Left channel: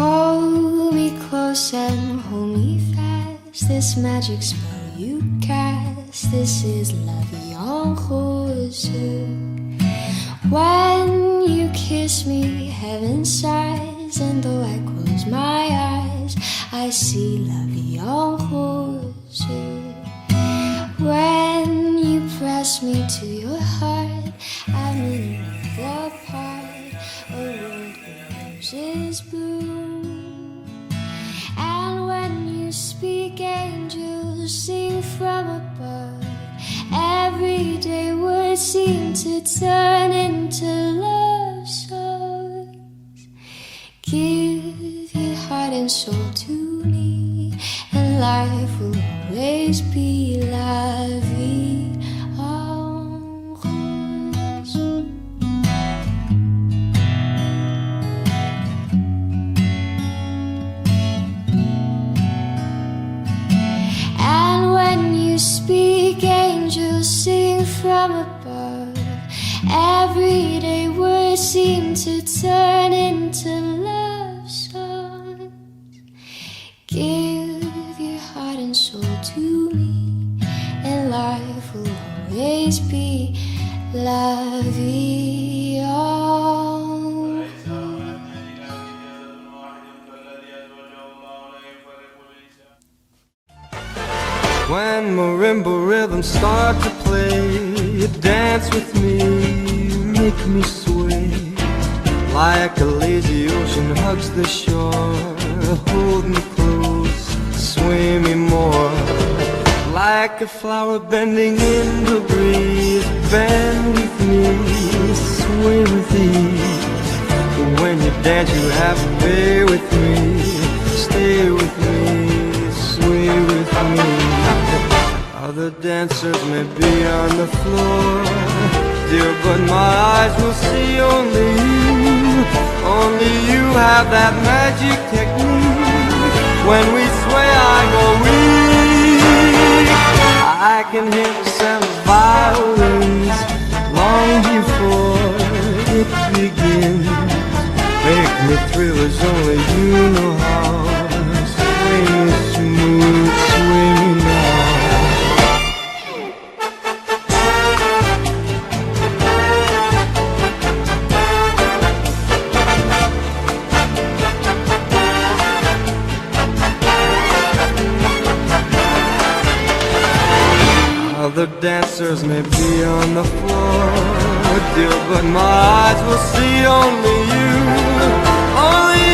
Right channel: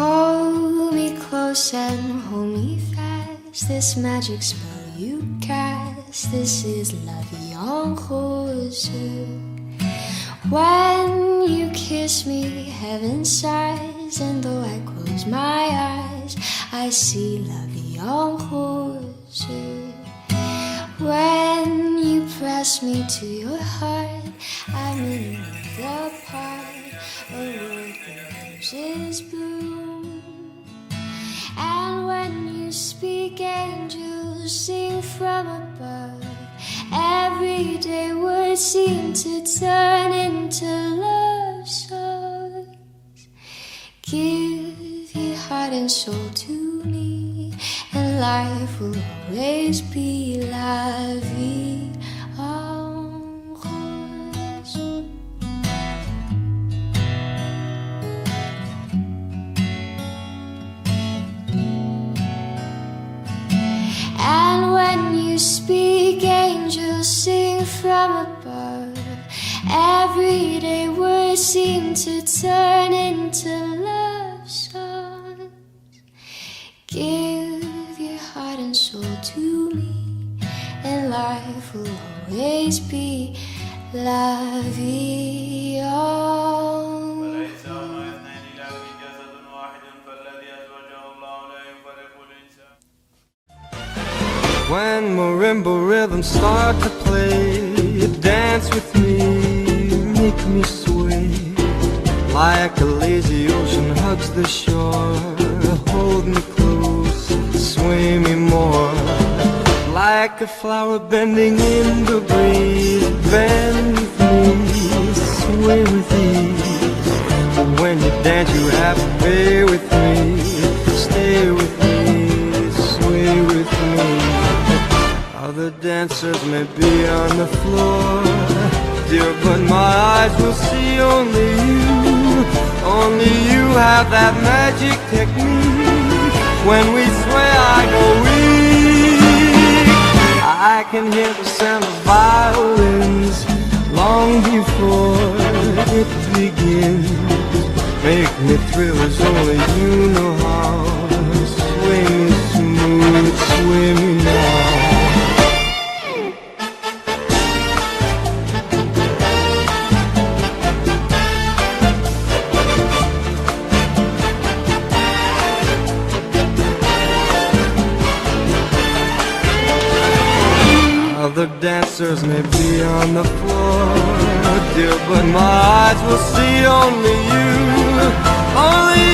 Hold me close and hold me fast. This magic spell you cast, this is la vie en rose. When you kiss me, heaven sighs, and though I close my eyes, I see la vie en rose. When you press me to your heart, I'm in a world apart, a world where roses bloom. And when you speak, angels sing from above. Everyday words seem to turn into love songs. Give your heart and soul to me, and life will always be la vie en rose. And when you speak, angels sing from above. Everyday words seem to turn into love songs. Give your heart and soul to me, and life will always be la vie en When marimba rhythms start to play, you dance with make me sway like a lazy ocean hugs the shore. Hold me close, sway me more, like a flower bending in the breeze. Bend with me, sway with ease. When you dance you have to pay with me. Stay with me, sway with me. Other dancers may be on the floor, dear, but my eyes will see only you. Only you have that magic technique. When we sway I go weak. I can hear the sound of violins long before it begins. Make me thrill as only you know how. Sway me smooth, sway me now. Other dancers may be on the floor, dear, but my eyes will see only you. Only